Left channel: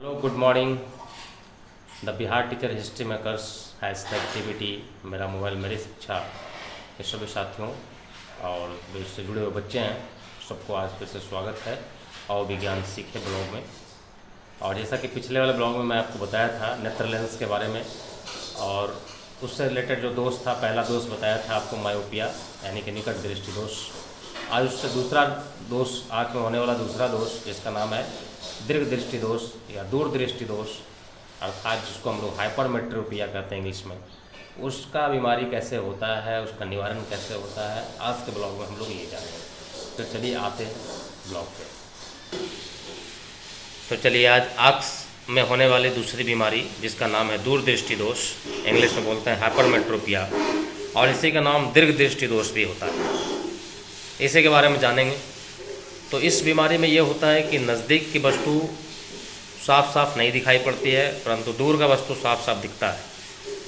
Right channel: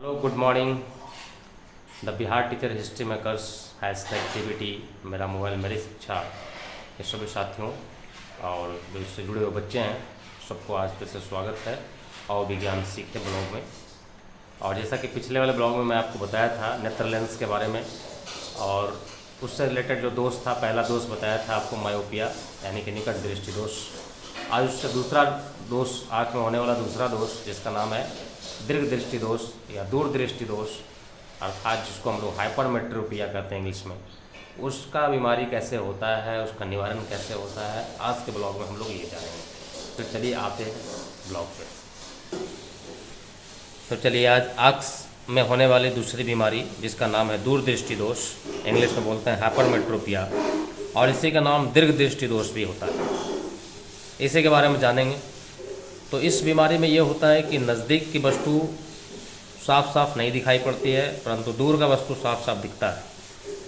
Hello good morning. The Bihar teacher history makers has the activity मेरा mobile मेरी शिक्षा के सभी साथियों और जो इससे जुड़े हुए बच्चे हैं सबको आज फिर से स्वागत है और विज्ञान सीखे ब्लॉग में। और जैसा कि पिछले वाले ब्लॉग में मैं आपको बताया था नेत्रलेंस के बारे में, और उससे रिलेटेड जो दोष था, पहला दोष बताया था आपको मायोपिया यानी कि निकट दृष्टि दोष। आज उससे दूसरा दोष, आँख में होने वाला दूसरा दोष, जिसका नाम है दीर्घ दृष्टि दोष या दूर दृष्टि दोष, अर्थात जिसको हम लोग हाइपरमेट्रोपिया कहते हैं इंग्लिश में, उसका बीमारी कैसे होता है, उसका निवारण कैसे होता है, आज के ब्लॉग में हम लोग ये जानेंगे। तो चलिए आते हैं ब्लॉग पे। तो चलिए आज आँख में होने वाली दूसरी बीमारी जिसका नाम है दूर दृष्टि दोष, इंग्लिश में बोलते हैं हाइपरमेट्रोपिया, और इसी का नाम दीर्घ दृष्टि दोष भी होता है। इसी के बारे में जानेंगे। तो इस बीमारी में ये होता है कि नज़दीक की वस्तु साफ साफ नहीं दिखाई पड़ती है, परंतु दूर का वस्तु साफ साफ दिखता है।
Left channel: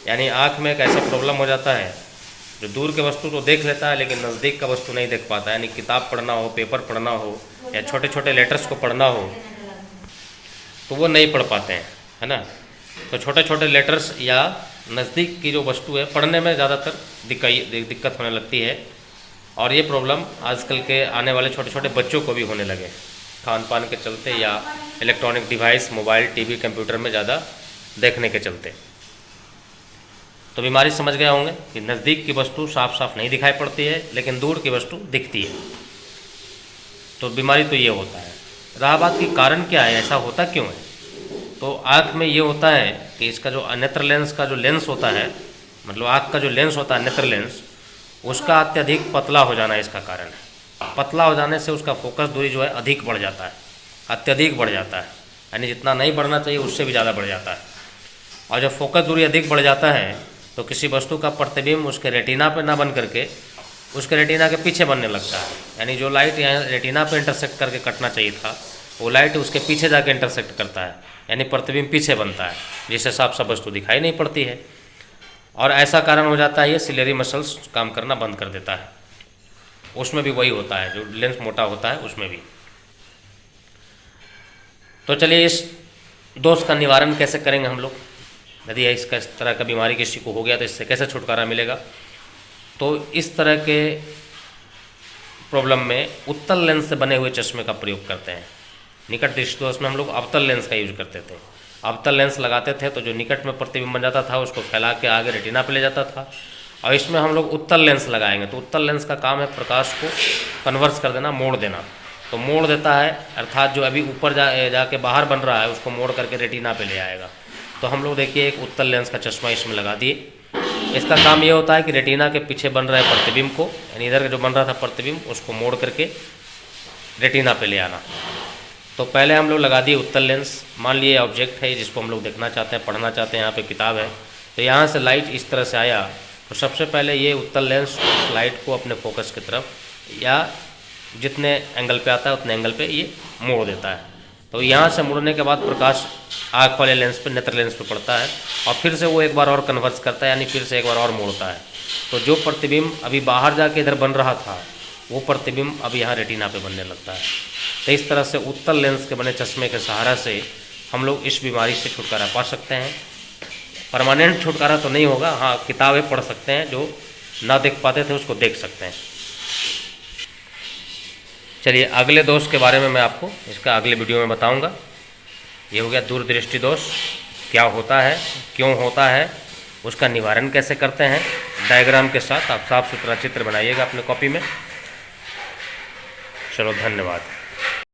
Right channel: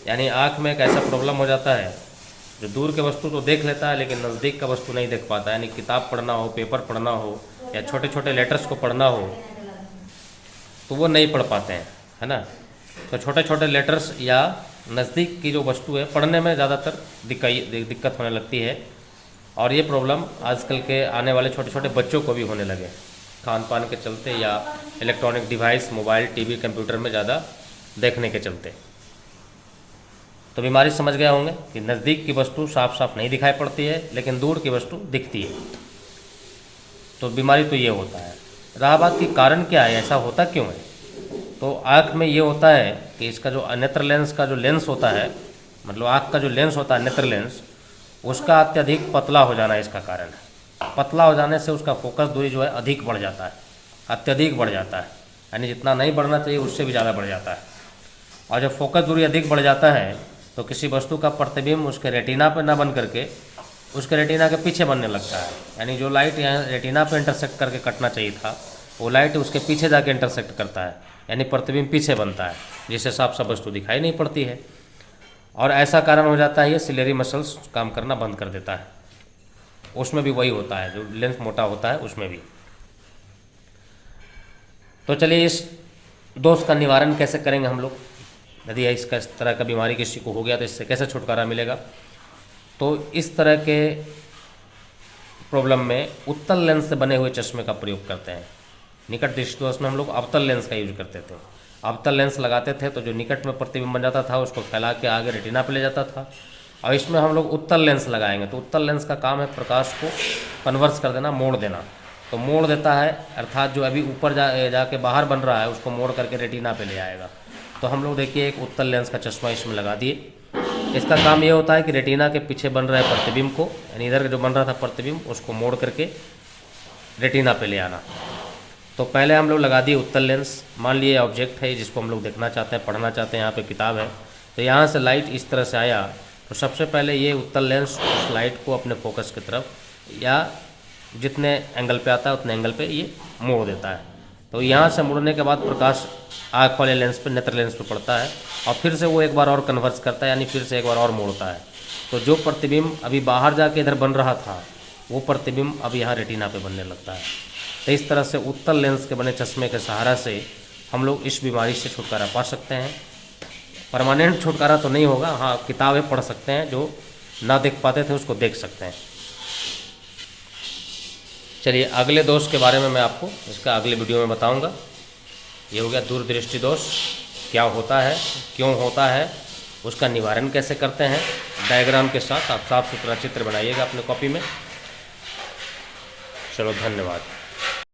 यानी आँख में एक ऐसा प्रॉब्लम हो जाता है जो दूर के वस्तु तो देख लेता है लेकिन नज़दीक का वस्तु नहीं देख पाता। यानी किताब पढ़ना हो, पेपर पढ़ना हो या छोटे छोटे लेटर्स को पढ़ना हो तो वो नहीं पढ़ पाते हैं, है ना। तो छोटे छोटे लेटर्स या नज़दीक की जो वस्तु है पढ़ने में ज़्यादातर दिक्कत होने लगती है। और ये प्रॉब्लम आजकल के आने वाले छोटे छोटे बच्चों को भी होने लगे, खान पान के चलते या electronic device, mobile, TV, computer में ज़्यादा देखने के चलते। तो बीमारी समझ गए होंगे कि नज़दीक की वस्तु साफ साफ नहीं दिखाई पड़ती है लेकिन दूर की वस्तु दिखती है। तो बीमारी तो ये होता है। रहा बात की कारण क्या है, ऐसा होता क्यों है? तो आँख में ये होता है कि इसका जो नेत्र लेंस का जो लेंस होता है, मतलब आँख का जो लेंस होता है नेत्र लेंस, उसका अत्यधिक पतला हो जाना इसका कारण है। पतला हो जाने से उसका फोकस दूरी जो है अधिक बढ़ जाता है, अत्यधिक बढ़ जाता है। यानी जितना नहीं बढ़ना चाहिए उससे भी ज़्यादा बढ़ जाता है। और जब फोकस दूरी अधिक बढ़ जाता है तो किसी वस्तु का प्रतिबिंब उसके रेटिना पे ना बन करके उसके रेटिना के पीछे बनने लगता है। यानी जो लाइट यहाँ रेटिना पे इंटरसेक्ट करके कटना चाहिए था वो लाइट उसके पीछे जाके इंटरसेक्ट करता है, यानी प्रतिबिंब पीछे बनता है, जिससे साफ साफ वस्तु दिखाई नहीं पड़ती है। और ऐसा कारण हो जाता है ये सिलेरी मसल्स काम करना बंद कर देता है। उसमें भी वही होता है, जो लेंस मोटा होता है उसमें भी। तो चलिए इस दोष का निवारण कैसे करेंगे हम लोग, यदि इसका इस तरह का बीमारी किसी को हो गया तो इससे कैसे छुटकारा मिलेगा। तो इस तरह के प्रॉब्लम में उत्तल लेंस से बने हुए चश्मे का प्रयोग करते हैं। निकट दृष्टि दोष में हम लोग अवतल लेंस का यूज करते थे। अवतल लेंस लगाते थे तो जो निकट में प्रतिबिंब बन जाता था उसको फैला के आगे रेटिना पे ले जाता था। और इसमें हम लोग उत्तल लेंस लगाएंगे तो उत्तल लेंस का काम है प्रकाश को कन्वर्स कर देना, मोड़ देना। तो मोड़ देता है, अर्थात जो अभी ऊपर जाके बाहर बन रहा है उसको मोड़ करके रेटिना पे ले आएगा। तो हम लोग देखिए एक उत्तल लेंस का चश्मा इसमें लगा दिए। इसका काम ये होता है कि रेटिना के पीछे बन रहे प्रतिबिंब को, यानी इधर जो बन रहा था प्रतिबिंब, उसको मोड़ करके रेटिना पे ले आना। तो पहले हम लोग लगा दिए उत्तल लेंस। मान लिए ऑब्जेक्ट है जिसको हम लोग देखना चाहते हैं, पढ़ना चाहते हैं, यहाँ पे किताब है, तो यहाँ से लाइट इस तरह से आया तो सबसे पहले ये उत्तल लेंस उस लाइट को अपने फोकस की तरफ या जितने एंगल पे आता है उतने एंगल पे ये मोड़ देता है। तो यहाँ से मुड़ने के बाद प्रकाश आँख वाले लेंस पे, नेत्र लेंस पे पड़ता है और फिर से वो एक बार और कन्वर्स करता है, यानी फिर से एक बार और मोड़ता है। तो जो प्रतिबिंब अभी बाहर जाके इधर बन रहा था वो प्रतिबिंब अब यहाँ रेटिना पे बनने लगता है। तो इस तरह से उत्तल लेंस के बने चश्मे के सहारा से हम लोग इस बीमारी से छुटकारा पा सकते हैं। परमानेंट छुटकारा तो नहीं होगा, हाँ किताबें पढ़ सकते हैं, जो ना देख पाते थे उसको देख सकते हैं। चलिए अगले दोष के बारे में मैं आपको इसका अगले वीडियो में बताऊंगा। ये हो गया दूरदृष्टि दोष, क्या होता है, क्यों होता है, उसका निवारण कैसे करते हैं। डायग्राम के साथ आप साफ सुथरा चित्र बनाइएगा अपने कॉपी में। चलो धन्यवाद।